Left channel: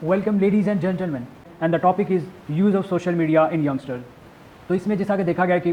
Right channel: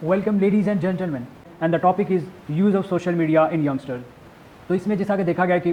Welcome ladies and gentlemen, and the topic is use of social media in youngsters. तो इसमें जैसा कि देखा गया कि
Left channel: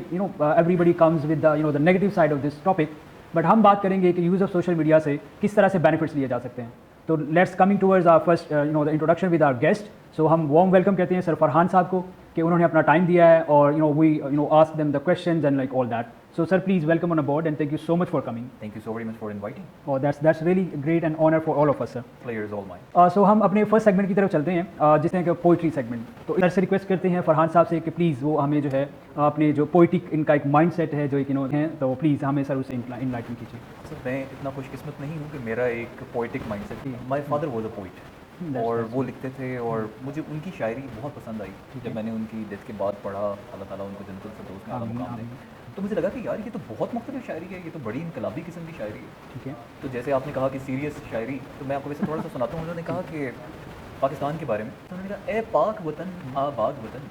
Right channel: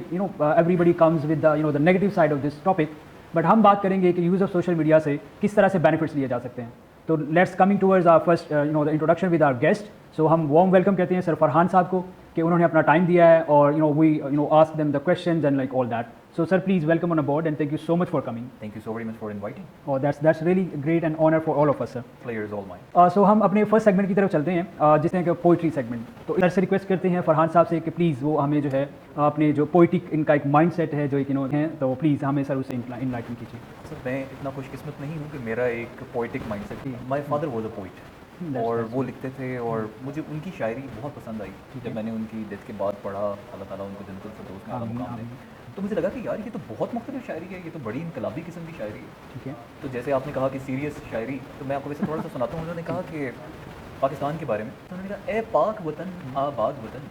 everybody comes with the negative side of this topic, but हम बात करेंगे कि use of social media से किस तरह से benefits लिए जा सकते हैं. तो let's coming towards our first the introduction with our guest. So हम warm welcome कहते हैं सर फरहान साहब को कि उन्होंने अपना टाइम दिया है और we ask them the questions and like all that. So sir, please welcome on board and thank you so much for coming. Thank you so very much for inviting. So that's really great and honor for all of us, sir. Pleasure is all mine. So हम अपने first segment की तरफ चलते हैं जिसमें है poetry segment. तो sir से रिक्वेस्ट करते हैं फरहान साहब से कि प्लीज़ वो हमें जो है अपने जो पोइटिक इनका एक माइंडसेट है जो एक है तो प्लीज़ हमें सर उसे इनलाइटन कीजिए. सर मैं इतना खुशकिस्मत नहीं हूँ कि मेरा एक पोइटिक माइंडसेट है. My father was a poet और वो लिखते थे और मुझे उनकी शायरी बहुत पसंद आई. जब मैंने उनकी डेथ के बाद पढ़ा अल्लाह ताला उनको जन्नत तो मुझे लगा कि यार ये तो बहुत मुख्तलिफ शायरी है, ये तो बड़ी इनकलाबी किस्म की शायरी है. ठीक है, तो जैसे आपने कहा कि सीरियस शायरी, तो मैं आपको इस थोड़ा सा सुनाता हूँ. उन्होंने कहा कि पाकिस्तान के बारे में, तो उन्होंने कहा ए पाक वतन आबाद वतन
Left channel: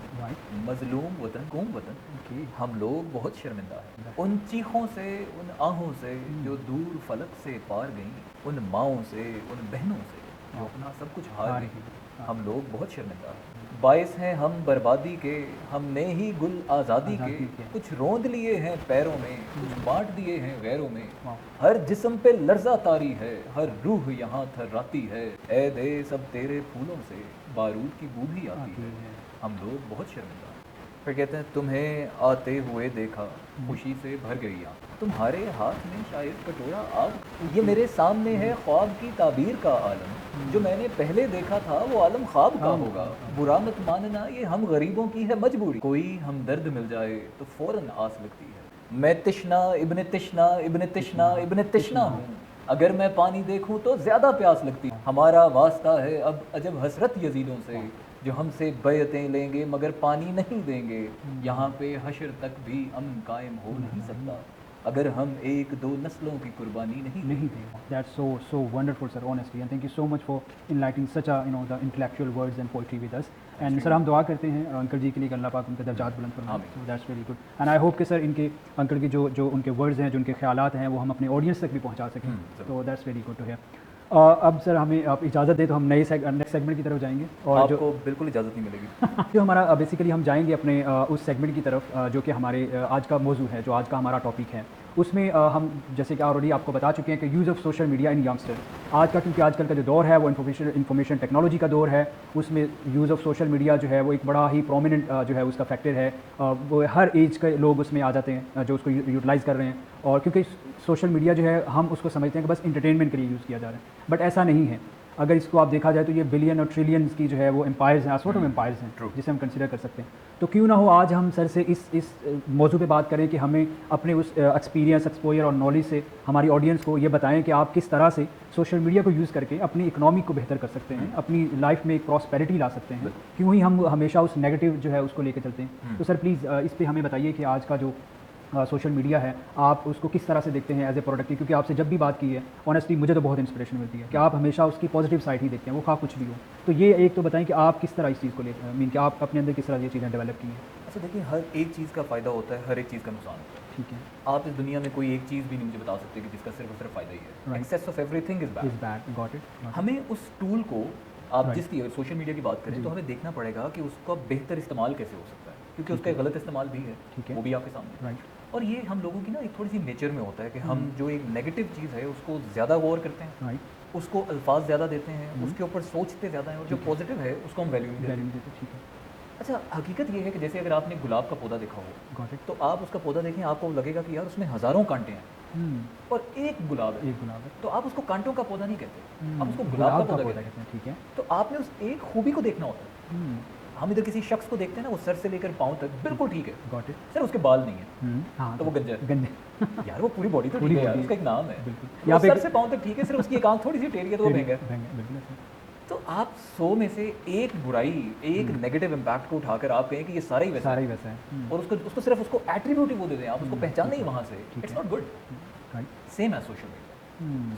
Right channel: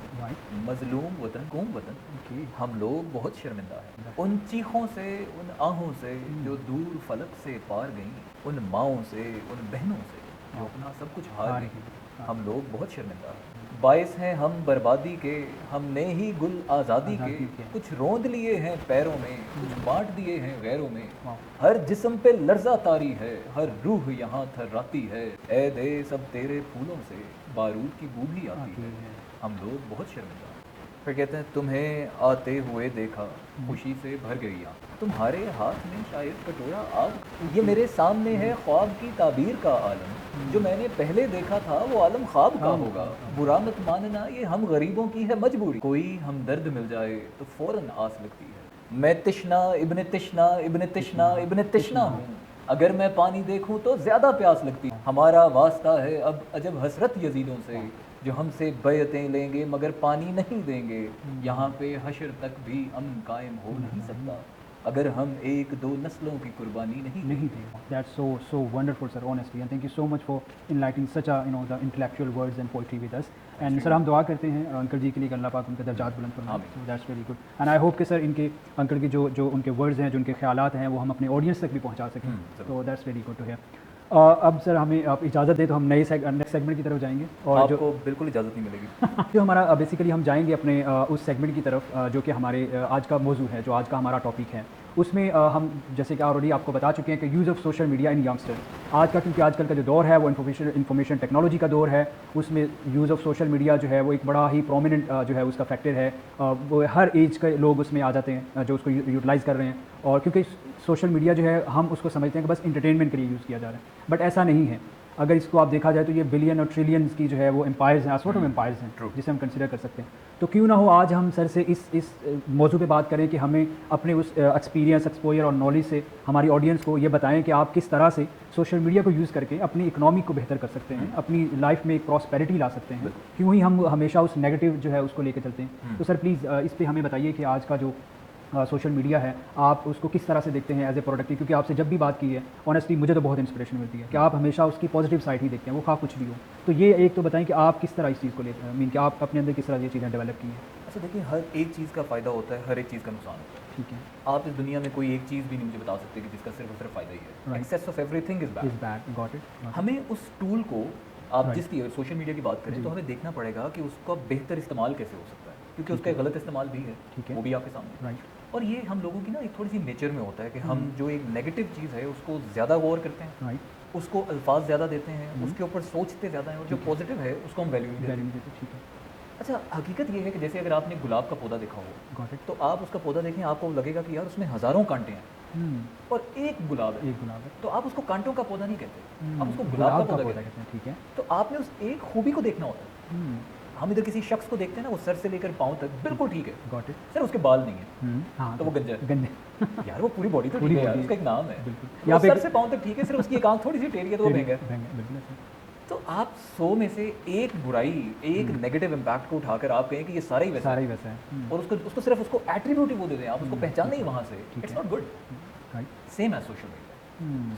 मजलूम वतन कौम वतन कि हम लोग बहुत शर्मिंदा हैं उन चीखों से, उन आहों से जो दूर फलक से पार गई, उन माओं से, उन बहनों से जो अपना सब कुछ हार गई. हम लोग बहुत शर्मिंदा हैं. बाइस हैं हम बर्बादी के, हमने ही गुल आज़ादी के कुछ रोंद लिए हैं पैरों में, कुछ बांट दिए हैं गैरों में. हर जिस्म पे लर्जा तारी है, हर रूह यहाँ थर्राती है. ऐ दे सब तेरे फूलों से बारूद तो दूर ही आती है. हम लोग बहुत शर्मिंदा हैं. फिर कहते हैं तुम्हें आते हुए देखा, खुशी से भर गई आँख, तुम्हारे हाथ में शायद कटोरा आग. ये मेरे सामने है ख्वाब की ताबीर का आलम, जो मैंने पहले देखा था वो आलम ख्वाब का होगा. बुरा मत मानना ये हम गरीबों की है मजबूरी, कोई हमदर्द मिल जाए तो फौरन आस लगती है. मैं तिश्ना इब्ने तिश्ना इब्ने तिश्ना इब्ने तिश्ना, अगर मैं पानी देखूं तो ज्यादा प्यास लगती है. हमारा वास्ता है अब अजब हसरत यजीदों से, जो हमसे बैतें लेंगे मगर पानी नहीं देंगे. यहाँ पे हशर तक भी अमन कायम हो नहीं सकता अगर हम एक दो नस्लों की कुर्बानी नहीं दें. That's so wonderful, sir. Honestly, and thank you so much for enlightening such a the intellectual words and poetry with us. And sir, हम दुआ करते हैं अंकल जी के लिए कि अल्लाह पाक उनका दर्जात बुलंद फरमाए. So that's really good. And I hope कि सर इनके अंकल के जो उनके वर्ड्स हैं, जो उनके ख्यालात हैं, वो हम अपनी ऑडियंस तक भी पहुंचा सकें. तो that's really good to hear. अब सर हमें आप इजाज़त दें तो हम नेक्स्ट सेगमेंट की तरफ जाएंगे. और आपको बिल्कुल इजाज़त नहीं मिलेगी. जो हमारा बेसिकली हम जाएंगे अपने उस सेगमेंट की तरफ जो कि हमारी आज का मौजू है, जो आज का हमारा टॉपिक है. उसमें हम जैसे कि ऑलरेडी आपको बता चुके हैं कि use of social media in youngster. आज का क्योंकि आजकल का जो दौर है वो इंफॉर्मेशन टेक्नोलॉजी का दौर है, उसमें यूज़ ऑफ सोशल मीडिया जो है वो एक बड़ा ही प्रोमिनेंट जो है उसका फैक्टर है. वो हर एज के लोग उसमें आ जाते हैं जो उसको यूटिलाइज़ कर रहे हैं. और क्योंकि सोशल मीडिया जो है हम उसको समझते हैं कि बस एंटरटेनमेंट के लिए यूज़ किया जा रहा है, बट ऐसा नहीं है. अगर इसको आप देखा जाए तो ये बिलियन और ट्रिलियंस की जो है वो एम्पायर्स हैं, सॉर्ट ऑफ एम्पायर्स हैं जिसे हम कंसिडर कर सकते हैं. तो क्यों ना हो आज हम सर से इस मौजू पे बात करें कि हमें अपने उस एक्सपीरियंस, एक्सपोजर और नॉलेज से हमारी ऑडियंस को ये बताएं कि आप किस तरह से सोशल मीडिया को यूज़ करके अपनी इकोनॉमी को बेहतर कर सकते हैं, अपनी लाइफ में एक प्रॉस्पेरिटी ला सकते हैं. क्यों ही हम हमेशा उस नेगेटिव जो है उसको लेकर चलते हैं. तो सर प्लीज़ इस पर हमें बताइए कि आज का जो सोशल मीडिया है आप उसको किस तरह से देखते हैं एज ए प्रोडक्टिव. क्योंकि आपसे जब भी बात की है ऑनेस्टली मुझे तो बहुत इंस्पिरेशन मिलती है कि आप हमेशा उसकी पॉजिटिव साइड ही देखते हैं, वो खा कुछ भी हो. तो ये एक तो बताएं कि आप किस तरह इस चीज़ को लेते हैं, मीन कि आप अपने अंदर किस तरह ये चीज़ें डेवलप की हैं. अच्छा देखिए, हर एक चीज़ का फ़ायदा होता है, हर एक चीज़ का नुकसान होता है. ठीक है, आप इस दुनिया में कोई एक चीज़ भी नहीं मुझे बता सकते कि जिसका सिर्फ फ़ायदा ही है. Excess of everything is bad. Got it. हमें उस टूल को, आप जिसकी सोशल मीडिया की बात करें तो हमें देखना पड़ेगा कि उसका बेहतर इस्तेमाल कैसे हो सकता है, क्योंकि उसका गलत इस्तेमाल भी है. ठीक है, वो भी आपके सामने है. और ये हम लोगों की ना एक थोड़ी सी नेचर में होता है कि हम जो एक नेगेटिव चीज़ है उसको ज़्यादा गौर करते हैं, उसको अल्फाज ज़्यादा देते हैं, उसके ऊपर सोचते ज़्यादा हैं, और जो पॉजिटिव है उसको हम वैल्यू देते हैं. अच्छा, हकीकत ये है कि जैसे अगर आपने गुलाब का पौधा देखा हो तो आप उसका पौधा देखें, आपको लगेगा कि यार उसमें हज़ारों कांटे हैं और एक गुलाब है, तो आप उसको कांटों का पौधा नहीं कहते, आप उसको गुलाब का पौधा कहते हैं. ठीक है, तो आपने उस एक खूबी को देखना होता है. हम इधर किसी शख्स को देखते हैं ना, उस सर से लेकर पाँव तक बिल्कुल ठीक है, सर उसके बाल नहीं है तो वो गंजा है. यार वो पूरी बॉडी तो ठीक है, उसका एक नाम है. बिल्कुल, सर से पाँव तक ठीक है, सिर्फ उसकी एक आँख थोड़ी सी टेढ़ी है तो वो महंगा है. तो आप 100 में से एक बुराई, एक नेगेटिव इम्पैक्ट को उठाकर आप कहें कि ये सारा ही वैसा है और उसको सिर्फ उसको एट्रीब्यूट ही वो दे दें, आप उसको पहचान नहीं वहाँ से. It's not good. सेम है सोशल मीडिया.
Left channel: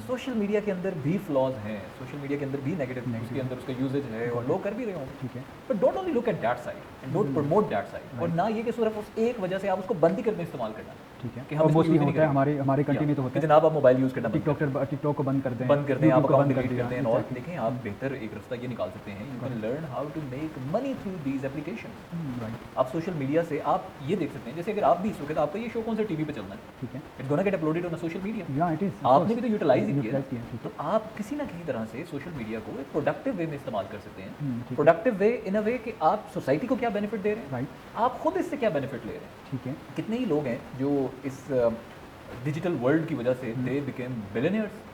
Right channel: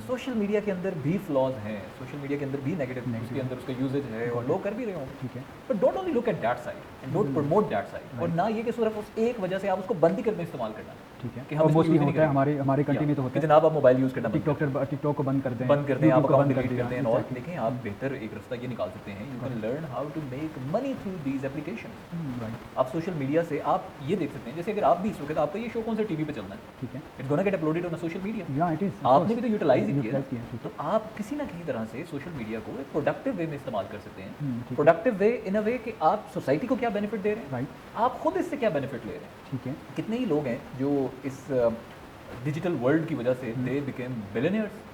सोशल मीडिया के अंदर भी फ्लॉज हैं, सोशल मीडिया के अंदर भी नेगेटिव है, उसके अंदर उसका यूजेज है और लोग कर भी रहे हैं. ठीक है, तो don't only look at that side and don't promote that side. और ना ये कि सिर्फ उस एक वजह से आप उसको बंद ही करके इस्तेमाल करें. ठीक है, कि और हम इसको मोस्टली use नहीं होता है करेंगे। हमारे कंट्री में तो होता है जनाब आप मोबाइल यूज़ करना टिकटॉक को बंद कर दें, बंद कर दें, आप YouTube को अकाउंट बंद डिलीट कर दें, और देखें आप बेहतर एक रास्ता ये निकाल सकते हैं, you can learn how to make money through these application. आप सोशल मीडिया से आप ये देख सकते हैं, जैसे अगर आप भी सुने तो आपका ये शो कौन सी टीवी पे चल रहा है, ठीक है, it's gonna get uploaded on social media, या इट इज आपने भी तो यूटिलाइज किया। तो आप किसी ना किसी तरह से सोशल मीडिया को प्रोडक्टिव वे में इस्तेमाल कर सकते हैं, प्रोडक्टिव वे इन अ वे कि आप सोसाइटी को क्या बेनिफिट दे रहे हैं, राइट, आप खुद इससे क्या बेनिफिट ले रहे हैं। ठीक है, कितने ही लोग हैं जो इस डिजिटल वर्ल्ड की वजह से दे बिकेम बिलियनियर्स।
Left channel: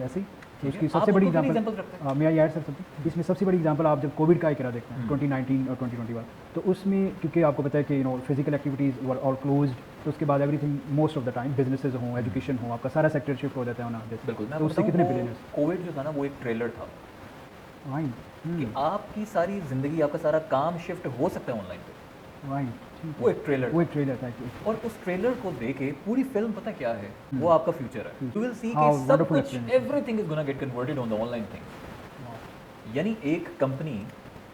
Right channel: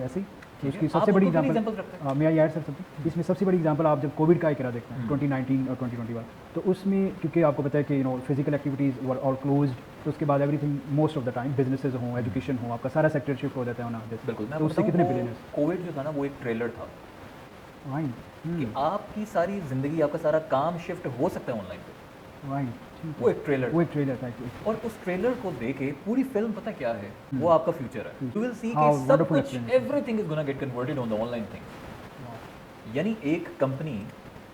ऐसे ही। तो इसकी सबसे बड़ी एग्जांपल मैं यार सबसे इसमें सबसे बड़ी एग्जांपल आप जब कोविड का एक देखते हैं 2019 और 2021, तो उसमें क्योंकि आपको पता है कि physical activities were all close, तो उसके बाद everything most of the time businesses हो, एजुकेशन हो, आपका सारा सेक्टर शिफ्ट हो जाता है ना। बिल्कुल, तो उससे कितने बिलियन कोविड जो था ना वो एक ट्रेलर था कि आपकी सारी जिंदगी, आपका सारा काम शिफ्ट हो सकता है ऑनलाइन। राइट, वो एक ट्रेलर वो एक ट्रेलर था actually। और उस ट्रेलर को देखे पूरी फिल्म पता क्या है, वो आपका फ्यूचर है। यू विल सी हाँ, कि सब wonderful कुछ explanation। Everything is gonna get converted on the online. यानी एक कंपनी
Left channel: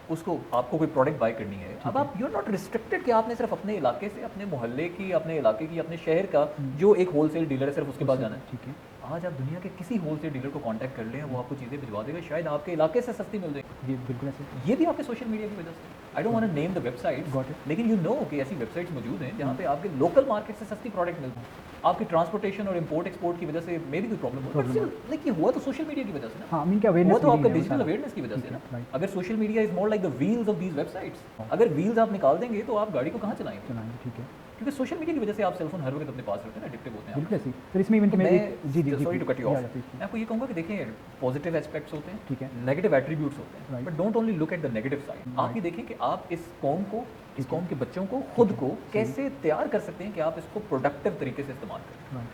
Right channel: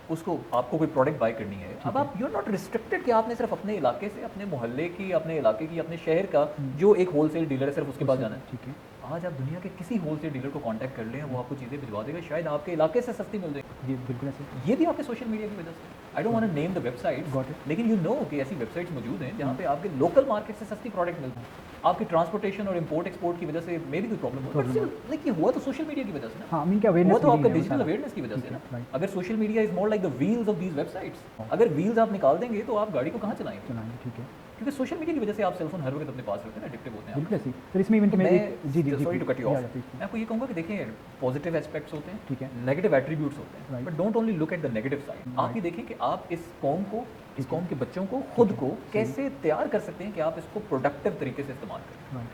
उसको आपको कोई प्रोडक्ट बाय करनी है, अब आप यू आर नॉट रिस्ट्रिक्टेड कि आपने सिर्फ अपने इलाके से, अपने मोहल्ले की, अपने इलाके की, अपने शहर का जो एक होलसेल डीलर है सिर्फ उसके पास जाना है। आज आप दुनिया के किसी होलसेल डीलर को कांटेक्ट कर लें, वो आपको चीज़ें दिलवा देंगे, शायद आपके इलाके से सस्ती मिल जाएगी। ये बिल्कुल ऐसे। ये भी आपके सोशल मीडिया की वजह से। I don't want to name the website, लेकिन यू नो कि ऐसी वेबसाइट्स मौजूद हैं जहाँ पे आपके लोकल मार्केट से सस्ती प्रोडक्ट मिलती है। आपकी ट्रांसपोर्टेशन और इंपोर्ट एक्सपोर्ट की वजह से मे भी कोई प्रॉब्लम हो, लेकिन हुआ तो सोशल मीडिया की वजह से। हाँ, मीन क्या अवेयरनेस वो तो आपका डिजिटल अवेयरनेस की वजह से ना। अगर social media is more like the wheels of these websites, अगर व्हील्स आप निकाल देंगे तो आप गाड़ी को कहाँ चलाएंगे? क्योंकि सोशल मीडिया की वजह से आप सेल्स हर वक्त अपने पास रखते हैं, एडिक्टिव होते हैं। बिल्कुल ऐसे। फिर इसमें इवेंट में sorry to cut you off, मैं आपको ये कहूँगा कि देखिए पॉजिटिव एस्पेक्ट्स होते हैं, ठीक है, नेगेटिव एट्रीब्यूट्स होते हैं, but don't only look at the negative side. आप ये देखें कि आप इस कौम को, इस कौम के बच्चों को, खुद को कैसे तैयार कर सकते हैं कि आप इसको प्रोडक्टिव तरीके से इस्तेमाल करें।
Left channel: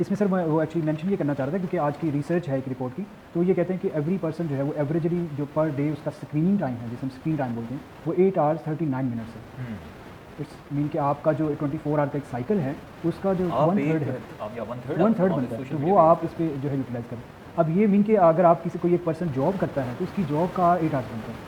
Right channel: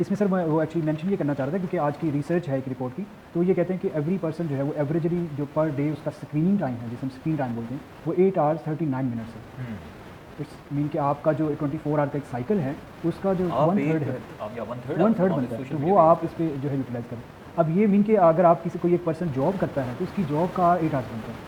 इसमें सर मैं वो एक्चुअली मेंशन ये करना चाह रहा था क्योंकि आज की रिसर्च है एक रिपोर्ट की, तो ये कहते हैं कि एवरी पर्सन जो है वो एवरेजली जो पर डे उसका स्क्रीनिंग टाइम है, जिसे हम स्क्रीन टाइम बोलते हैं, वो 8 आवर्स 39 मिनट्स है। मीन कि आपका जो 24 आवर का एक साइकिल है उसका जो आप या 1/3 बनता है, तो वो आप इसमें जो है यूटिलाइज करें। अब ये मीन कि अगर आप किसी कोई एक पर्सन जॉब करता है तो उसकी जॉब का 8 आवर्स बनता है,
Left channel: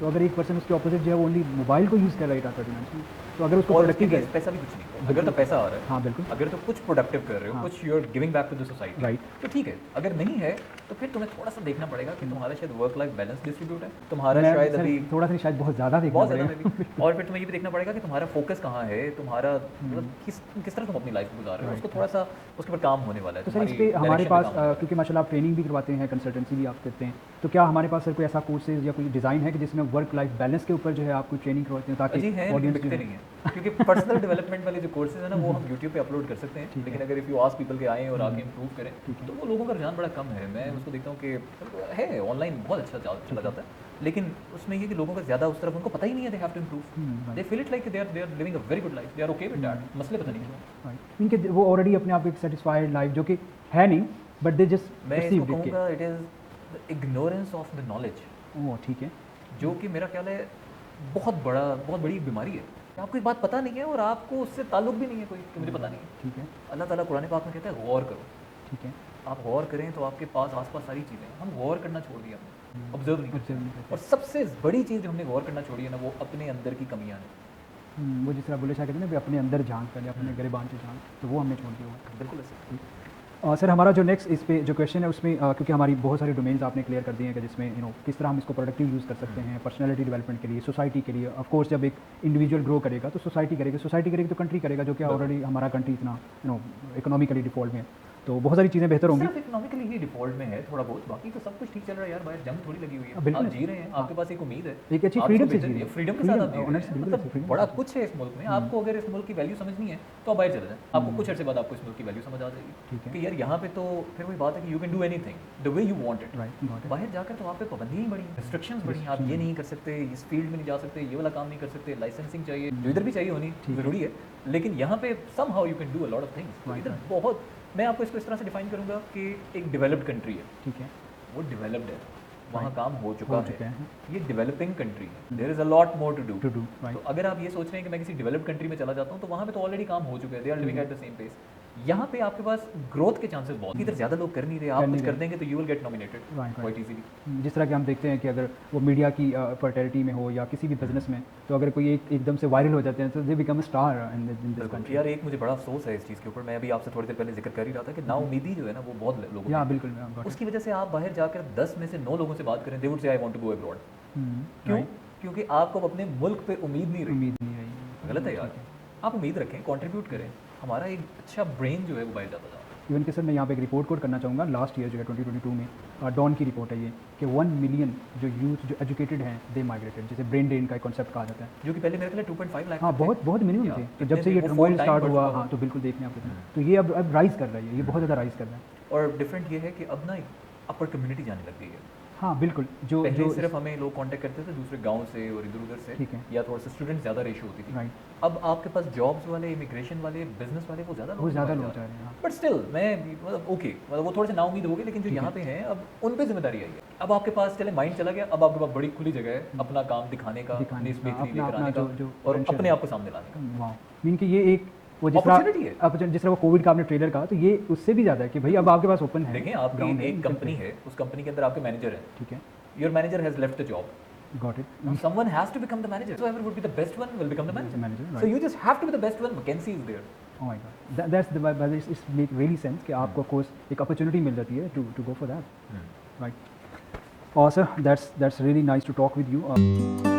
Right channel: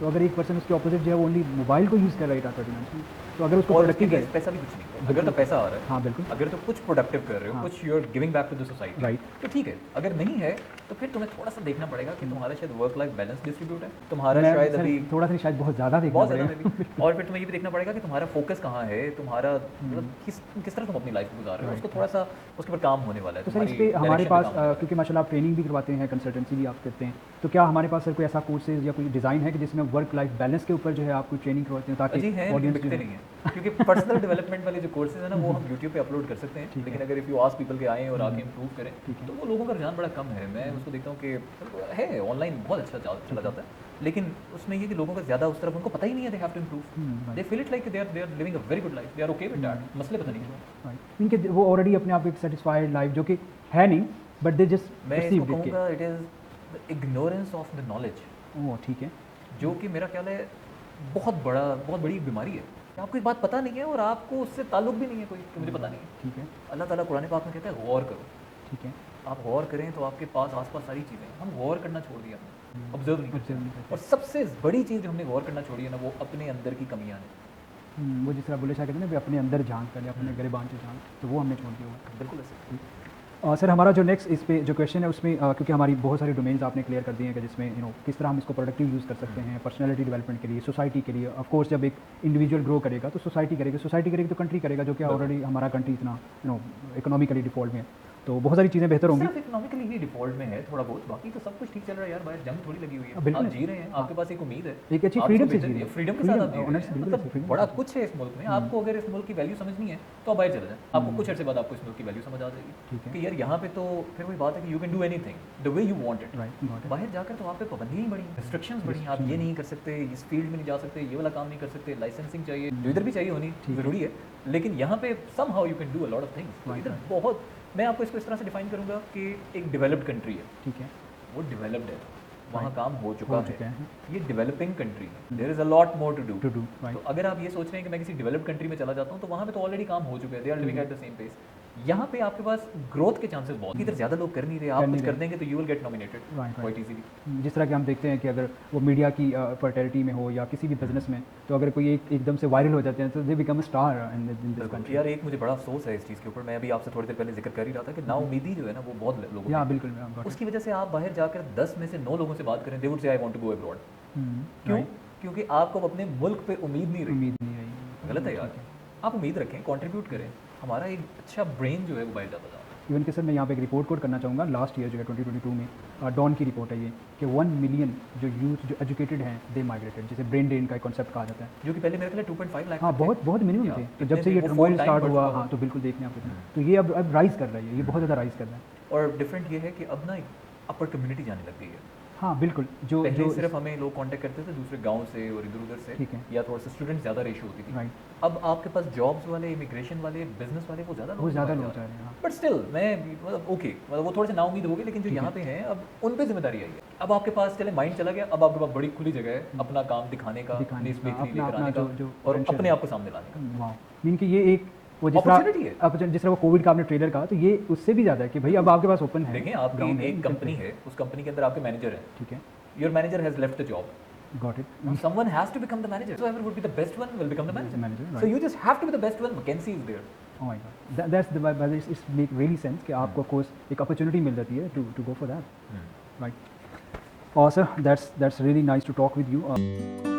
तो अगर एक पर्सन उसके ऑपोजिट जो है वो ओनली मोबाइल को यूज़ कर रहा है, तो अगर उसको प्रोडक्टिव करें, पैसा भी कुछ नहीं, अगर तो पैसा आ रहा है, हाँ बिल्कुल, अगर तो कुछ प्रोडक्टिव कर रहे हो, कुछ you are giving back to the society, right, तो ठीक है। अगर नहीं है तो फिर तुम्हें थोड़ा सा देखना पड़ेगा कि तुम्हारे शायद वर्क लाइफ बैलेंस डिस्ट्रीब्यूट है, तुम्हारा शायद अभी थोड़ा सा शायद बहुत ज़्यादा बहुत ज़्यादा है, और फिर तुम्हें ये भी देखना पड़ेगा कि तुम्हारा फोकस कहाँ है, तुम्हारा मतलब किस तरह तुम अपनी लाइफ को गुजार रहे हो, उसको थोड़ा सा उसके ऊपर काम होने वाला है। तो सर इस पर हमारे पास क्योंकि माशाल्लाह आप ट्रेनिंग भी करवाते हैं, कंसल्टेंसी भी आप करते हैं, तो क्या हमारे पास कोई ऐसा कोर्सेज या कोई डिज़ाइन है कि जिसमें वर्क लाइफ बैलेंस के ऊपर जो है आप कोई ट्रेनिंग करवाते हैं ताकि ऑडियंस दिखते नहीं है, क्योंकि पर्सनल डेवलपमेंट वाले जो कोर्सेज हैं ना वो हम यूट्यूब पे अपलोड कर सकते हैं, लेकिन अगर इफ यू आस्क पीपल के आएँ और आके इम्प्रूव करें तो वो लोगों का रुझान बड़ा कम है। मैं उसको देखता हूँ कि है ऑनलाइन बहुत अच्छा जॉब चला जाता है, लेकिन उसमें ये कि लोगों का ज़्यादा उस तरफ उनको पता ही नहीं है they have to improve, they feel it like they are living a very good life, they are okay with that, मसले पता नहीं है उनके वो ऑलरेडी अपने आप एक सेटिस्फाइड लाइफ जो कि है नहीं, बट दे जस्ट मैं इसको कहूँगा it is the ignorance of the knowledge. Oh ठीक है, जो कि मेरा ख्याल है बहुत बड़ी बीमारी है। आपको ये बात पता नहीं है और आपको उससे ताल्लुक भी नहीं है कोई, तो मुझे पता नहीं है। ठीक है, अल्लाह ताला कुरान पाक में कहता है गौर करो, ठीक है, आप गौर करें तो आपके पास आसपास सारी चीज़ें, हम गौर करना छोड़ दिया हमने, ऑब्जर्व नहीं। और सबसे बड़ी चीज़ जो हमने गौर करना छोड़ी है ना वो अपने अंदर की कमियाँ हैं। वो जिस तरह बोले शाह कहते हैं ना अपने अंदर जान कर अपने गिरबान की जान, तो वो हमने छोड़ दिया। बिल्कुल। सर हमारा जो नेक्स्ट इस पे जो क्वेश्चन है उसमें क्योंकि हमारी बहुत सारी डोमेन्स आपने क्लियर कर दिए हैं कि जिसमें किस तरह हम इसको प्रोडक्टिव यूज़ कर सकते हैं पर्सनैलिटी डेवलपमेंट के लिए, सोसाइटी के लिए। ऑफ कोर्स जब एक इंडिविजुअल ग्रो करेगा तो सोसाइटी करेगी तो कंट्री करेगा, जो कि ऑलरेडी हमारा कंट्री इतना इकोनॉमिकली डिफॉल्ट है, तो बहुत सारी चीज़ें बेहतर होंगी। इकोनॉमिकली ही डिफॉल्ट में है थोड़ा बहुत, बाकी तो सब कुछ ठीक चल रहा है यार, बस जंग थोड़ी लगी हुई है, आप जी रहे हैं, आपके पास एक उम्मीद है, एक अच्छी फ्रीडम से जी रहे हैं। फ्रीडम के साथ आप जी रहे हैं। मतलब बड़ा कुछ है इस मुल्क में, आपको अगर इस मुल्क की वैल्यू समझनी है तो बाहर चले जाएं, आपको कुछ अर्से बाद आपको इस मुल्क की वैल्यू समझ आ जाएगी कि यार यहाँ पे तो फिर वही बात है कि you can do anything the way you want it. बाहर जाकर तो वहाँ पे पाबंदियाँ बड़ी, रिस्ट्रिक्शंस बड़ी, आप ये नहीं कर सकते, इस फील्ड में नहीं जा सकते, ये वाला काम नहीं कर सकते, लाइसेंसिंग चाहिए, इधर भी चाहिए होनी जरूरी है, लेकिन यहाँ पे somehow you can do a lot of things. इधर बहुत, मैं आपको इसको इस तरह से डिफाइन करूँगा कि एक डेवलप्ड कंट्री है, ठीक है, वो डेवलप्ड है, वहाँ काम हो चुका है, ये डेवलपिंग कंट्री है, there is a lot more to do. तो अगर आप ये सोच रहे हैं कि मैं किसी डेवलप्ड कंट्री में चला जाता हूँ तो वहाँ पे तो ऑलरेडी काम हो चुका है, they are living at the same pace. यहाँ पे आपके पास ग्रोथ के चांसेस बहुत, इधर ज़्यादा लोग कर नहीं रहे, आप कुछ कर देंगे तो you will get nominated quite easily. जिस तरह कि हम देखते हैं कि अगर वो मीडिया की पर्टेरिटी में हो या किसी भी बिजनेस में, तो अगर कोई एकदम से वायरल हो जाते हैं तो they become a star in this country. यार एक मुझे बड़ा अफसोस है इस चीज़ के ऊपर, मैं अभी आपसे थोड़ी देर पहले जिक्र कर ही रहा था कि नाउमीदी जो है ना वो बहुत लोग या बिल्कुल got it। उसकी वजह से आप बाहर जाकर 10 में से 9 लोगों से बात करें, they would say I want to go abroad. क्यों? क्योंकि आपको अपने मुल्क पे उम्मीद नहीं रही। उम्मीद नहीं है। गलत है यार, आप उम्मीद रखें, कंट्रीब्यूट करें। हमारा एक अच्छा ब्रेन जो है वो बढ़ जाता है। इवन कि सर मैं यहाँ पे एक रिपोर्ट कोट करना चाहूँगा, लास्ट ईयर जो है 2022 में डॉन की रिपोर्ट है ये, कि 1 मिलियन जो यूथ जो एजुकेटेड है दे माइग्रेटेड, जिसे ब्रेन ड्रेन का कॉन्सेप्ट कहा जाता है। जो कि पहले मेरे ख्याल 2.5 लाख हाँ, बहुत मिनिमम थी कि जब से ये वो ट्रेंड full स्टार्ट time हुआ। बढ़ हाँ, तो बिल्कुल देखने आपको, तो ये अब राइज कर रहा है, ये बहुत ज़्यादा राइज कर रहा है। और डिफरेंट ये है कि अब ना अपर कम्युनिटी जाने लग गई है। हाँ बिल्कुल, जो पहले सिर्फ हमें लोग कांटेक्ट करते थे दूसरे गांव से और इधर उधर से, ठीक है। या थोड़ा सा स्टूडेंट ज़्यादा रेशियो होती थी। राइट, अब आपके पास जॉब्स वाले, इमिग्रेशन वाले, बिजनेस वाले वो ज़्यादा वो ज़्यादा लोग चाह रहे हैं। बट स्टिल मैं ओके, वो थोड़े से नाउमीद हो गए, लेकिन जो यहाँ पे है अब उन पे जिम्मेदारी है। अब आपके पास चले माइंड चला गया, अब आपके पास बड़ी खुली जगह है अपना काम दिखाने का, देश में हाँ, लेकर अपना आने का जो और अपने आप को सामने लाने का। वाह, मीन कि ये एक वो Opportunity है। जिस तरह वो कोविड का आपने ट्रेलर कहा, तो ये उससे भी ज़्यादा है कि भाई अब आपके पास ओपन है। देखें, आपकी एक कंपनी है, उस कंपनी के अंदर आपके मैनेजर है, ठीक है, your manager has left the job, got it. someone has to become the manager, so whoever would be the best one will become the manager, Manager, so you just have to be the best one. McKinsey is there. Oh my God, that's the it's make really sense कि आपको course एक opportunity मिल जाती है to go for that, right? और sir that's really nice to talk with you।